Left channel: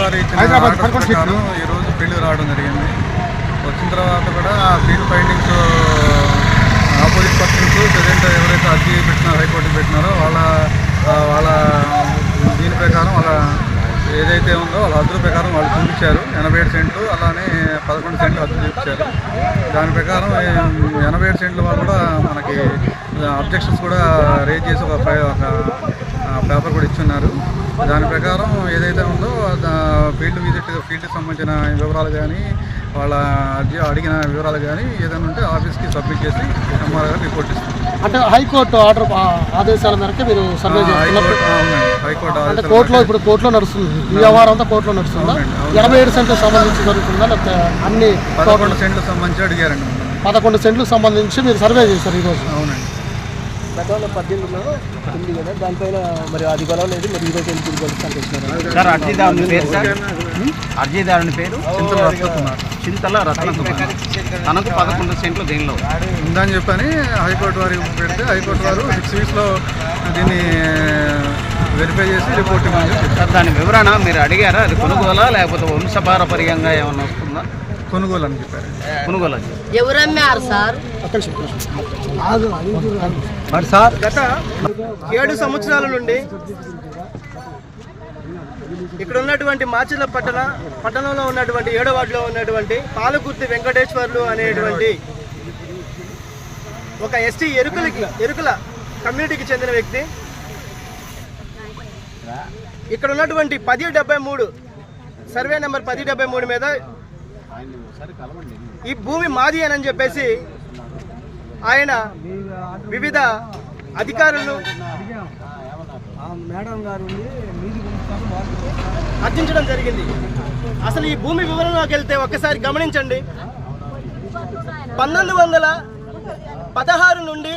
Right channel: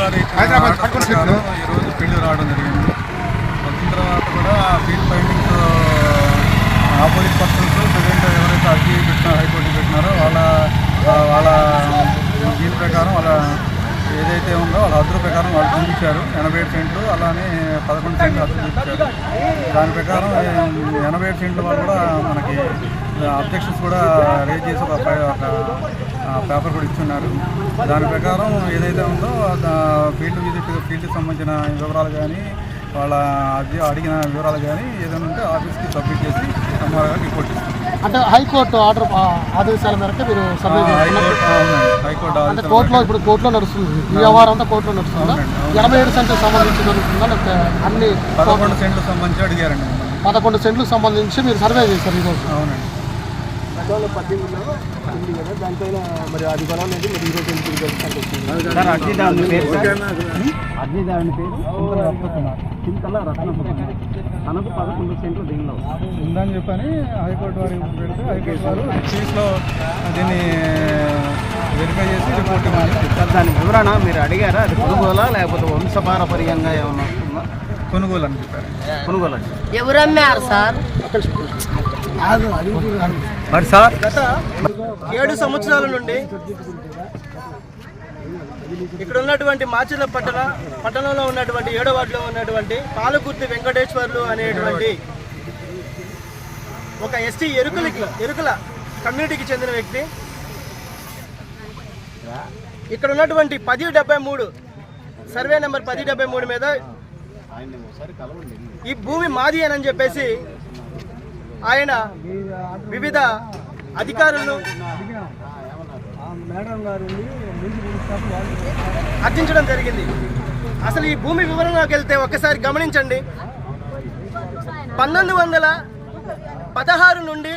వారు ఇచ్చిన ఆర్డర్ ప్రకారం ఈరోజు ఫీల్డ్ రావడం జరిగింది. వచ్చిన తర్వాత కూడా ఆ field findings opposite persons present ఎవరైతే అర్జీ పెట్టినారో హైకోర్టుకి పెట్టినారో వాళ్ళ వాళ్ళ దీని ప్రకారం వాళ్ళ ఏదైతే ఉందో వాళ్ళ హద్దుల ప్రకారం వాళ్ళు చూపించారు. ఎనభై ఏడు సెంట్లు అలానే పదకొండు సెంట్లు హద్దులు చూపించారు. దాని ప్రకారం ఎనభై ఏడు సెంట్ల వాళ్ళు కూడా మనకి అబ్జెక్షన్స్ కూడా రేజ్ చేసి ఒక పేపర్ కూడా ఇచ్చున్నారు దాని ప్రకారం ఏదైతే ఉందో ఫీల్డ్ విజిట్ ఫీల్డ్కి సంబంధించిన వివరాలు కానీ వాళ్ళ అడిగిన వివరాలు కానీ ఏదైనా ఉంటే ఆఫీస్కి సబ్మిట్ చేసి ఎంఆర్ గారు రిపోర్ట్ ఇస్తాం. అంటే హైకోర్టు ఆర్డర్ ఆదేశాల మేరకు మీరు హైకోర్టు అవునండి. హైకోర్టు ఆదేశాల కోర్టులో ఇప్పుడు కోర్టులో నడుస్తుంది. ఈ వ్యవహారం అంతా కోర్టులో నడుస్తుందా. ఎనభై ఏడు సెంట్లకు సంబంధించి జరుగుతుందా? లేకపోతే అన్ని పదకొండు సెంట్లకు సంబంధించి అడిగారండి పదకొండు సెంట్లకు సంబంధించి మీరు సర్వే చేశారు ఈరోజు అవునండి. సార్ అర్జీదారుని పేరు సార్? అర్జీదారుని పేరు చింతలు రస్తున్నారు చింతల రత్నకుమార్. తనకు పదకొండు సెంట్లు దీనిలో ఉందని చెప్పని హైకోర్టు వారికి పెడితే హైకోర్టు వారు సిక్స్ వీక్స్లో దీన్ని వెరిఫై చేసి రిపోర్ట్ ఇవ్వమని చెప్పి చెప్పారు దాని వివరణ మీరు అడిగారా? అది కొనుగోలా లేకపోతే వంశపారపర్యంగా ఏమైనా వస్తుందా? కొనుగోలు అని చెప్పారు కొనుగోలు ఎవరమ్మారు సార్? గత ఏడు సంవత్సరాల నుండి ఇక్కడ ఉన్నటువంటి మాచిల పట్టణ పట్టణంలో ఉన్నటువంటి ఏడో వార్డులో ఉన్నటువంటి పాలకుర్తి వెంకటేశ్వర్లు అనేటువంటి ఒక ఎస్టీ ఎరుకులకి ఎరుకుల కమ్యూనిటీకి చెందిన వ్యక్తి. ఇక్కడ ఉన్నటువంటి పది డెబ్బై మూడు సర్వే నెంబర్ పది డెబ్బై మూడు మీద ఈ భూమి మాది అని చెప్పేసి ఆయన వివిధ అధికారులు అర్థించడం జరిగింది. అసలు ఈ భూమి వివరణలోకి వెళ్తే ఒక్కసారి గమనించండి. పంతొమ్మిది వందల పదహారు నుండి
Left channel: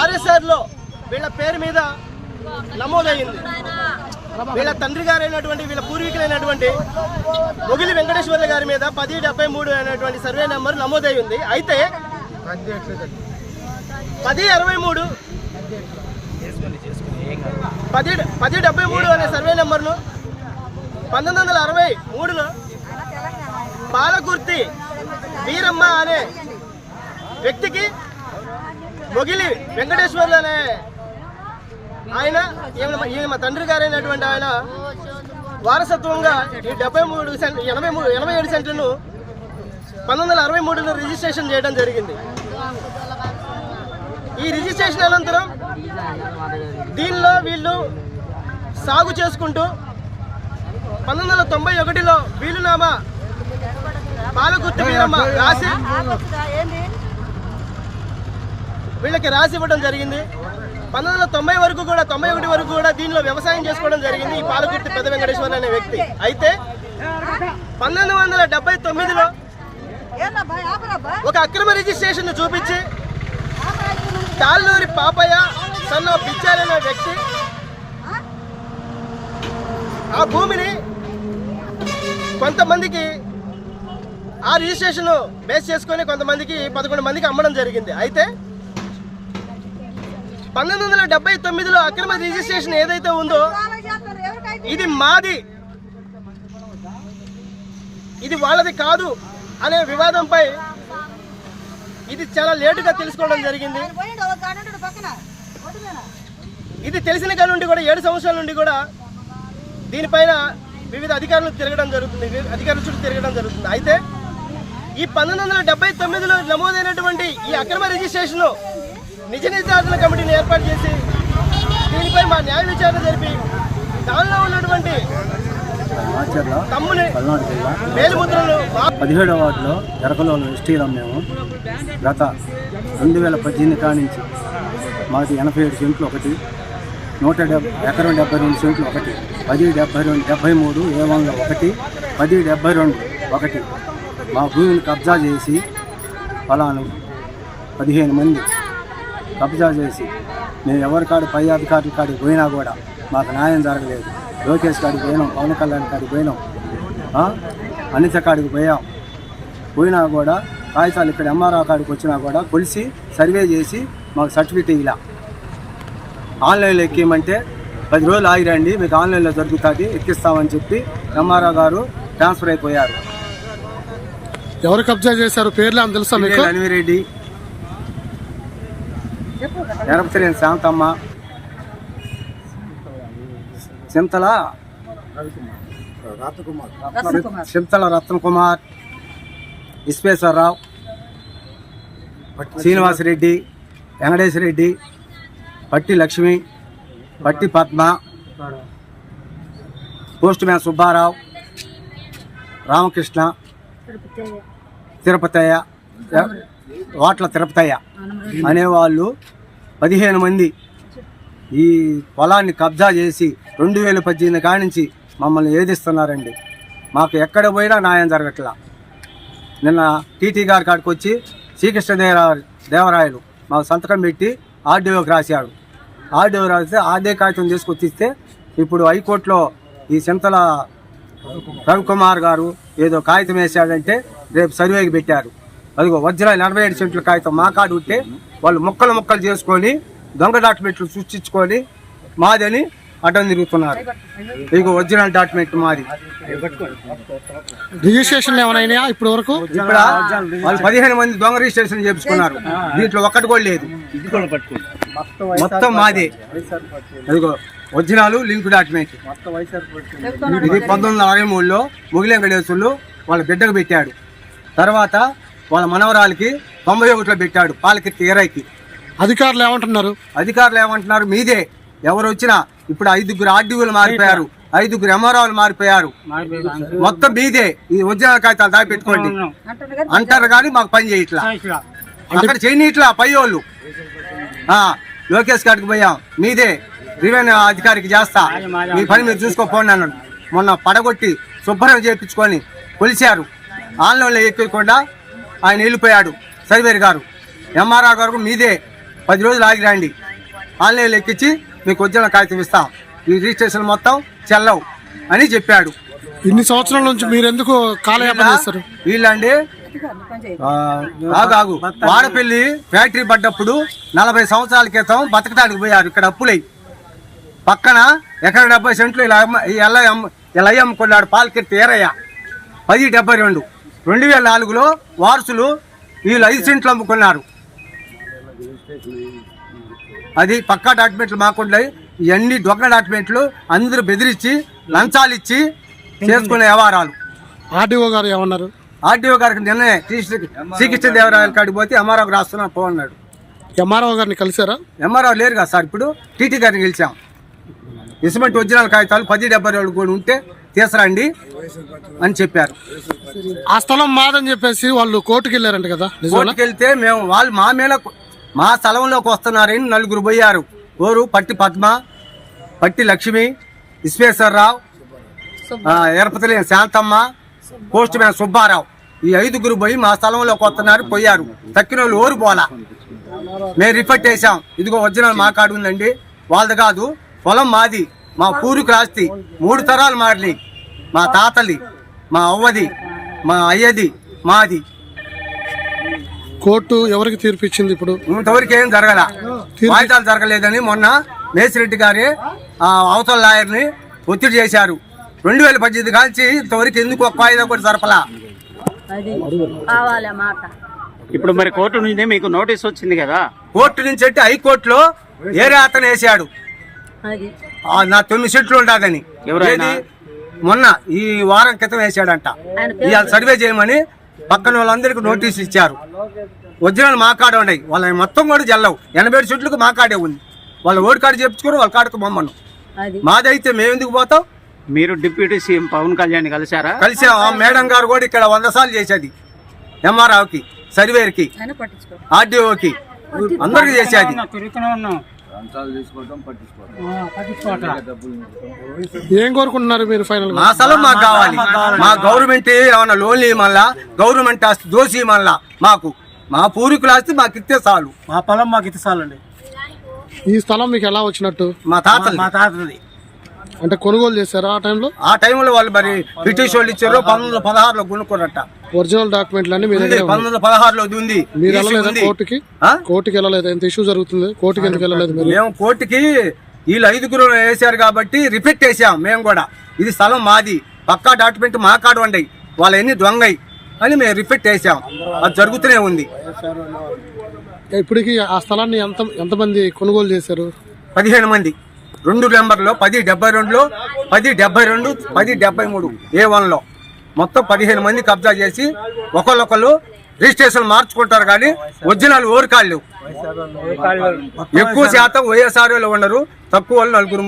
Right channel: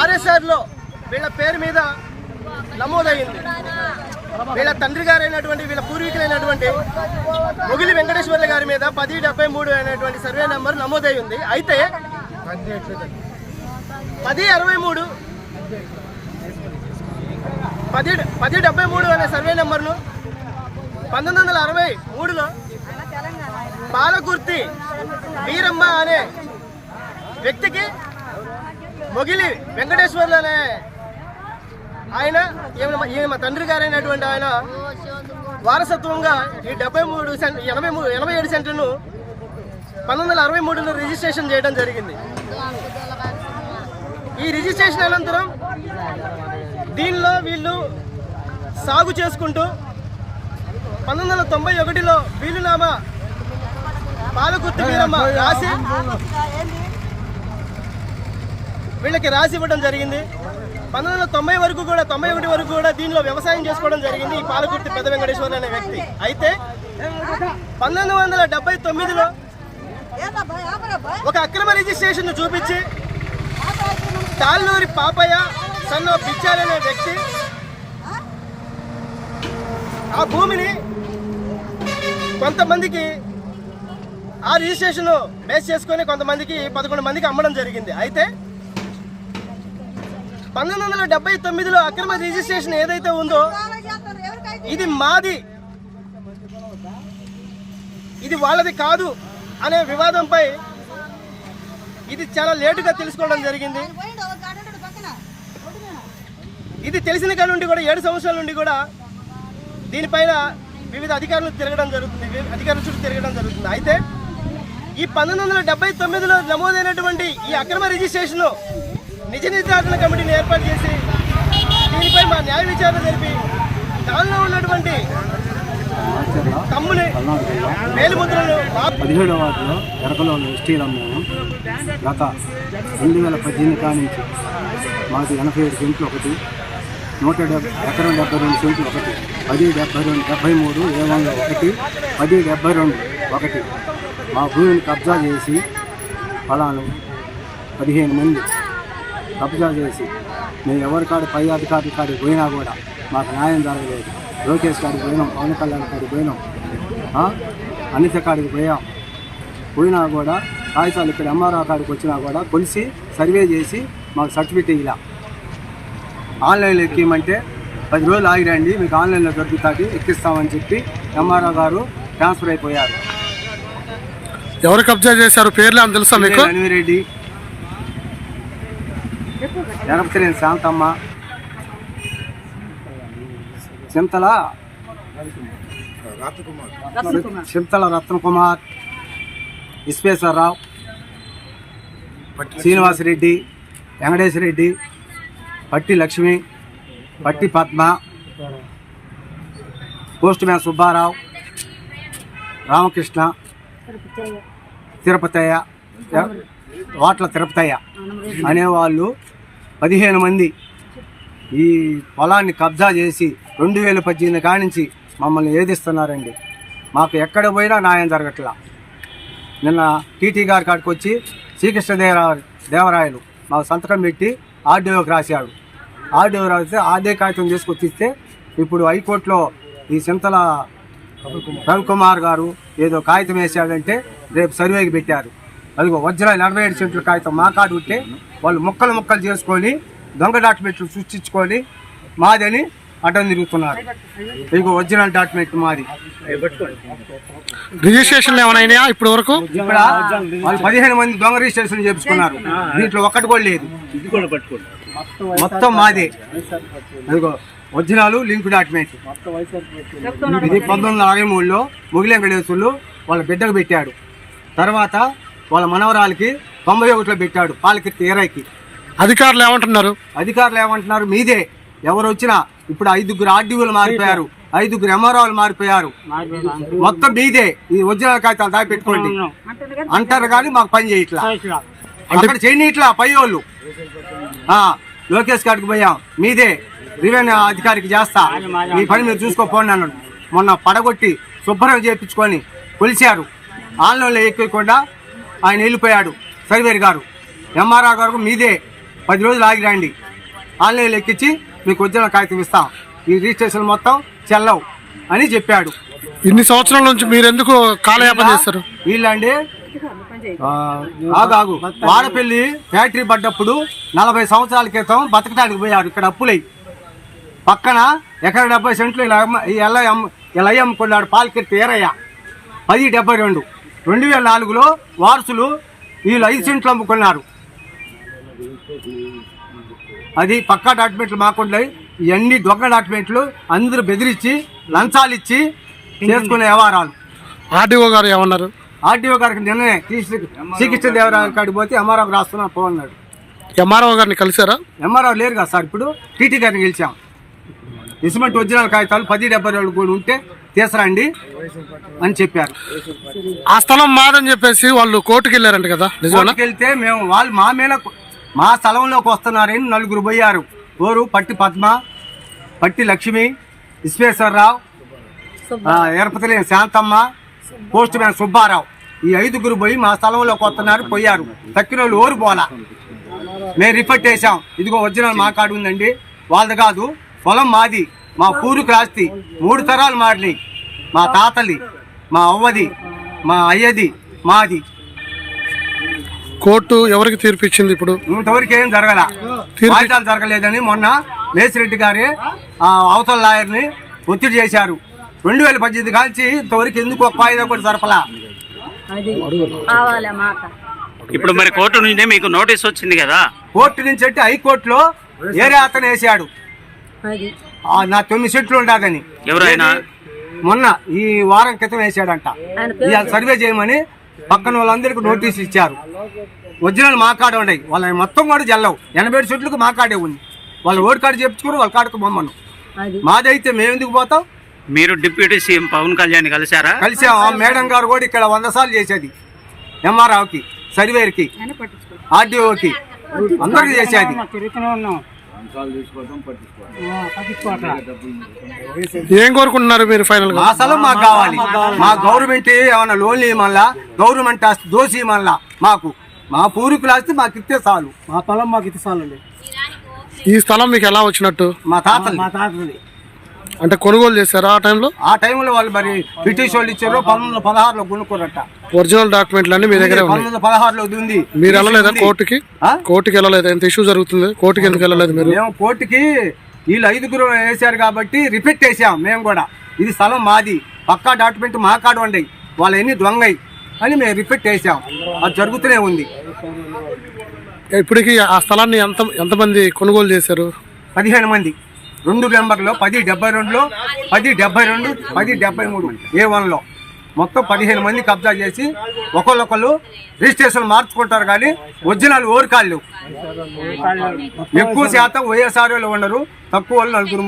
ఆర్ఎస్ఆర్లో వీళ్ళ పేరు మీద నమోదైంది. వీళ్ళ తండ్రి గారైనటువంటి వీళ్ళ పూర్వీకులైనటువంటి మొగిలి వెంకటేశ్వర్ల గారి మీద పది డెబ్బై మూడు అనేటువంటి సర్వే నెంబర్ నమోదై ఉంది. అయితే పది అరవై మూడు పది పది డెబ్బై మూడు అనే సర్వే నెంబర్ను పంతొమ్మిది వందల అరవై మూడులో పాలకుర్తి వీరమ్మ అనే వ్యక్తికి మొగిలి వెంకటేశ్వర్లు అనే ఆయన ఈయన ఈయన మా తండ్రి గారైనటువంటి ఆయన వారసత్వంగా ఈ డెబ్బై మూడు సెంట్ ఎనభై మూడు ఎనభై ఏడు సెంట్లను పంతొమ్మిది వందల అరవై మూడులో రిజిస్ట్రేషన్ చేయడం జరిగింది. ఈ రిజిస్ట్రేషన్ అనంతరం దీనిలో వీళ్ళు సాగు చేసుకుంటూ పంతొమ్మిది వందల తొంభై ఒకటిలో వీలునామా పాలకుర్తి వీరమ్మ రాసి వీళ్ళకి రాసి ఇవ్వడం జరిగింది. పంతొమ్మిది వందల తొంభై వరకు కూడా తొంభై ఒకటి వరకు కూడా దీనిలో వ్యవసాయం చేసుకోవడం జరిగింది. ఈ పాలకుర్తి పెద్ద వెంకటేశ్వర అనే వ్యక్తి. అయితే పంతొమ్మిది వందల డెబ్బై తొమ్మిదిలో ఒక అక్రమ రిజిస్ట్రేషన్ చూపించి తాళ్ళూరి పాపయ్య సన్న పిచ్చారనే వ్యక్తి ఆ భూమిని కొంతమందికి ఆ రిజిస్ట్రేషన్ బేస్ చేసుకొని కొంతమందికి పదకొండు మందికి అమ్మడం జరిగింది. అయితే పంతొమ్మిది వందల డెబ్బై తొమ్మిదిలో అక్రమ రిజిస్ట్రేషన్ ఏదైతే ఉందో ఇది మాది. ఇది వాళ్ళది కాదు అనే వివాదంపై ఇది చాలా లేటుగా తెలుసుకోవడం జరిగింది. ఇది తెలిసిన కాడి నుండి కూడా ఏడు సంవత్సరాల నుండి కూడా దీనిపైన వివిధ అధికారులు తిరగడం జరుగుతుంది అధికారుల చుట్టూ తిరగడం జరుగుతుంది. అయితే ఈ పంతొమ్మిది వందల డెబ్బై తొమ్మిదిలో నమోదైనటువంటి ఈ అక్రమ రిజిస్ట్రేషన్లో నిజ నిర్ధారణ కమిటీని ఏర్పాటు చేసి దీనిపై మా న్యాయ విచారణ జరిపి దానిలో ఉన్నటువంటి తమ్ముని వేలిముద్రలు పదిహేడవ వార్డులో ఎరకలో ఎస్టీలం మేము గత రెండు వేల పద్దెనిమిది కానించి మాకు మాది ఎనభై ఏడు సెంట్లు ఒకటి నూట డెబ్బై ఎకరం డెబ్బై రెండు సెంట్లు ఒకటి పది డెబ్బై రెండు డెబ్బై మూడు ఏ వంద ఒకటి పది డెబ్బై రెండు ఒకటి. మా భూమిని కబ్జా చేసి ఫలాను పదిహేను మంది కబ్జా చేసి మేము ఎవరి కాడ పై అధికారుల కాడికి పోయినా కూడా మాకు న్యాయం జరగలేదు. లోకేష్ కాడికి పోయినాం పవన్ కళ్యాణ్ కాడికి పోయినాం? అనిత కాడికి పోయాం. పోయినా కూడా కాగితాలు ఇక్కడ ఎంఆర్ఆ కాడికి వచ్చినా కూడా కొలిసి సర్వే చేసి మాకు సర్టిఫికేట్ ఇలా ఆన్లైన్లో ఎక్కియమంటే పది రోజులు ఆగిరండి మీకు ఆన్లైన్లో దొరుకుతుంది ఎక్కిస్తామని చెప్పి ఎంఆర్ఓ గారు ట్రాన్స్ఫర్ అయిపోయారు. ఎవరు కబ్జా చేశారు? పేర్లు అని తెలుసా మీకు? అనివిరెడ్డి ఎరపతిరేని శాంతమ్మ. చింతల. చింతల రత్నకుమార్. విశ్వేశ్వరరావు. శ్రీనివాసరెడ్డి. వెంకటేశ్వరరెడ్డి. పట్టి లక్ష్మి. పట్టి పద్మ. Postman Subbarao. రామకృష్ణ. తిరుపతయ్య. వాట్ల తిరుపతయ్య. అనేవాళ్ళు పదిహేను మంది ఈ పొలాన్ని కబ్జా చేసి రెండు వేల పద్దెనిమిది కానించి మమ్మల్ని ఏదిస్తున్నారండి? మాకు ఎక్కడ పోయినా న్యాయం జరగట్లా. నిన్న టీటీ గారి కాడికి వచ్చి శ్రీకృష్ణదేవరా దేవరాయలు మాకు సంతకం పెట్టి ఆర్డీఓకి రాశాడు ఆర్డీఓ రాస్తే ఆర్డే కాగితం తీసుకొచ్చిస్తే ఇప్పుడు హైకోర్టులో ఈ చింతల రవికుమార్ గారు ఏదో కాగితం వేసాడంటే రేపు సర్వేకి పెట్టారు. అదిగో ఒరిజినల్ ఎనభై ఏడు సెంట్ల కాగితం మా కాడు ఉంటే వాళ్ళు ముక్కలు ముక్కలు చేసుకొని దొంగ డాక్యుమెంట్లు సృష్టించుకొని మాదని అడ్డం తిరుగుతున్నారు. ఇదిగో ఒరిజినల్ డాక్యుమెంట్ మాది. రిజిస్ట్రేషన్లు ఏమైనా ఇప్పటి వరకు ఇక్కడ వాళ్ళు పదిహేను మంది దొంగ రిజిస్ట్రేషన్ చేపించుకున్నారు. దీంట్లో ఒక్కటి కూడా లేదు. మొత్తం మాదే. అదిగో ఒరిజినల్ లింక్ డాక్యుమెంట్. ఇది పంతొమ్మిది వందల అరవై మూడులో ముగిలి వాళ్ళ బిడ్డకు పెట్టాడు. తర్వాత వాళ్ళ మనవరాలకి తొంభై ఒకటిలో పెట్టాడు పాలకి ఇరవైకి అధికారులు ఏమంటున్నారు? అధికారులు ఏమంటున్నారు? మీదే. ఎవరు వచ్చినా ఇప్పుడు ఐదుగురు ఆర్డీఓలు మారిపోయారు. ఐదుగురు ఎంఆర్ఓలు మారిపోయారు. మొత్తం మీదే. ఈ ఒరిజినల్ కాగితాలు దాచి పెట్టుకోండి అంటారు కానీ మాకు పని చేయట్లా. అక్కడ చేయనీట్లా పై వాళ్ళు. లోకేష్ గారికి పోయాం. మీదే. రెవెన్యూ అధికారికి చేస్తా. మీ పని మీరు చూసుకోపోండి అన్నాడు. మొన్న పడగొట్టి శుభ్రం చేయించుకొని కొలిచారు ఆన్లైన్లో ఎక్కకుండా ఆయన వెళ్ళిపోయాడు. సర్వేర్ గారు ఎంఆర్ఆర్ గారు మీదే పది రోజులు ఆగి రండి. ఆన్లైన్లో ఎక్కించి మీకు వచ్చిన కాగితం ఇస్తాం. ఈ రిజిస్ట్రేషన్ మొత్తం చెల్లవు అని చెప్పాడు. ఇన్ని సంవత్సరాల నుంచి మీరు ఎందుకు కాలయాపన చేస్తారు? వీళ్ళండి ఆగు ఆగు. వాడపల్లి ఫ్యాక్టరీ పడ్డప్పుడు నలభై సంవత్సరాల క్రితం బతకడానికి పోయారు. ఇక్కడ అప్పులై. పక్కన ఎకర డెబ్బై సెంట్లు ఇలా ఇలా ఇలా అమ్ముకున్నాడు పాలకెత్తి ఏరయ్య. పది డెబ్బై రెండు. రెండు వేల నాలుగులో వారసులు వీళ్ళు ఐదు సెంట్లు అమ్ముకున్నారు. అది పక్కా డాక్యుమెంట్లు మాకుండాయి ఇవన్నీ దొంగ డాక్యుమెంట్లు. అందరూ బెదిరించి లంచాలు ఇచ్చి చేసుకునే వ్యవహారాలు. ఆర్డీఓ గారు ఏమన్నారు? ఆర్డీఓ గారికి నిన్నే శ్రీకృష్ణ దేవరాయల కాడికి పోతే ఎంఆర్ఓకి రాస్తున్నా పో అన్నాడు. ఎంఆర్ఓ గారిని కలిసారా ఎంఆర్ఓ లేరు కదా సార్ ఇప్పుడు. టీటీ గారిని గెలిచాం. ఇసుమంటి ఒరిజినల్ కాగితాలు పది డెబ్బై రెండు కూడా ఉంటే తీసుకురండి అని చెప్పారు. ఆ స్థలం మాదని చెప్పేసి వాళ్ళు కోర్టుకి వెళ్ళారంట కదా? కోర్టుకి వెళ్తే మేము వాళ్ళు మా మీద మా స్థలంలోకి వస్తున్నారని నలుగురు పోయారు. ఓరు పట్టి పద్మ పట్టి లక్ష్మి విశ్వేశ్వరరావు ఆ, ఎరపతిలేని శాంతమ్మ పోస్ట్ మ్యాన్ సుబ్బారావు. ఈ ఐదుగురు పోయి మా స్థలంలోకి వస్తున్నారు పోయారు. తక్కిన వాళ్ళు ఓరు పోలా మేము రిపోర్ట్ చేసాం ఇదిగో ఒరిజినల్ మా కాడు ఉందండి. వాళ్ళది కాదు పొలం మాది. మా పూరుకు రాస్తి మూడు తరాలు మారినాయి. మా తాతది మా అవ్వది మా అయ్యది మాది. కోర్టు ఎవరికి తీర్పు ఇచ్చింది ఇప్పుడు? ఇంతవరకు ఏం జరగల. వాయిదాలు జరగలేదని మొన్న మేసిరెడ్డి గారి ఆ, అవతల లాయర్ని ఒత్తిడి చేశారు. రెండు వేల పద్దెనిమిది కాల్చి ఇంతవరకు ఎందుకు ఒక వాయిదా కూడా జరపలా? ఇప్పుడు మరి కోర్టు నుండి మీకు నోటీస్ వచ్చింది కదా? కోర్టు నుంచి అంటే హైకోర్టులో ఏరే అతను వేసాడు నా తొమ్మిది సెట్లు ఉండదని ఎవరు ఆయన? మొన్న ఈ వారం క్రితం వేసాడంట. ఇవాళ సర్వే చేయమని పక్కన వాళ్ళందరికీ నోటీసులు ఇచ్చారు. ఒరిజినల్ మా కాడ ఉన్నాయి. వాళ్ళ మొత్తం కూడా జల్లవు. ఎనభై ఏడు సెట్లకు మా కాడే ఉంది. వాళ్ళ ఓడి కాడ చెప్పుకోరు వాళ్ళ కాడకు బొమ్మను. అది. మాదైతే మేము ఎందుకు పోతాం? మీరు డిప్యూటీ సీఎం పవన్ కళ్యాణ్ కలిశారా? కలిసాం. ఆ మేడం గారు కూడా ఇక్కడ వంద సార్లు చేసేది. ఎంఆర్ఆర్కి సర్వేర్కి ఆర్డీఓకి అందరికి చేసేది. ఏం కోరుకుంటున్నారు మీరు ఫైనల్గా? మా స్థలం మాకు కావాలి. మా గవర్నమెంట్ ఏమన్నా లోన్లు ఇవ్వమల్లా గవర్నమెంట్ ఆస్తి దోసి ఇవ్వమల్లా మాకు. మా పూర్వీకుల ఆస్తి మాకు ఇస్తే చాలు. మా పొలం మాకు ఇది చాలండి. ఈ స్థలం మీకు ఎలా వచ్చినట్టు? మా తాతలు మా తాతది. అంటే కొనుగోలు చేశారా ఆ టైంలో? ఆ టైంలో వాళ్ళు మరి బ్రిటిష్ వాళ్ళు ఇచ్చారు పంతొమ్మిది వందల పదహారులో కొనుక్కున్నట్ట ఒరిజినల్ డాక్యుమెంట్లు అన్ని మీ దగ్గరే పదహారులో ఉంది మీరు వెళ్ళలేదా. కోర్టుకి? కోర్టుకి వెళ్ళలేదు? ఎంత ఇష్యూ జరుగుతుంది? కోర్టుకి ఎందుకు వెళ్ళలేదు మీరు? మేము కోర్టుకి వీళ్ళు ఐదుగురు వేశారు కాబట్టి రిపీట్ వేసాం మేము కూడా. ఇది స్థలం మాది. పక్కా డాక్యుమెంట్ మా కాడ ఉండయి వాళ్ళ ఎన్ని దొంగయి అని మేము రిపీట్ వేసాం అది జరుగుతూనే ఉంది. ఇప్పటికి ఆ స్థలాన్ని ఎంత ఎంతమంది కొనుగోలు చేశారు? పదిహేను మంది. రెండు నెంబర్లో పది డెబ్బై రెండులో పది డెబ్బై రెండు పది డెబ్బై మూడు ఏ వన్లో. మొత్తం పదిహేను మంది కబ్జా చేసి ఒకళ్ళొకళ్ళు రిజిస్ట్రేషన్ మార్చుకుంటారు కానీ ఒరిజినల్ ఓరికాళ్ళు. ఎక్కువ శాతం వైఎస్ఆర్ఓలు ఉండరు తక్కువ వాళ్ళు నలుగురు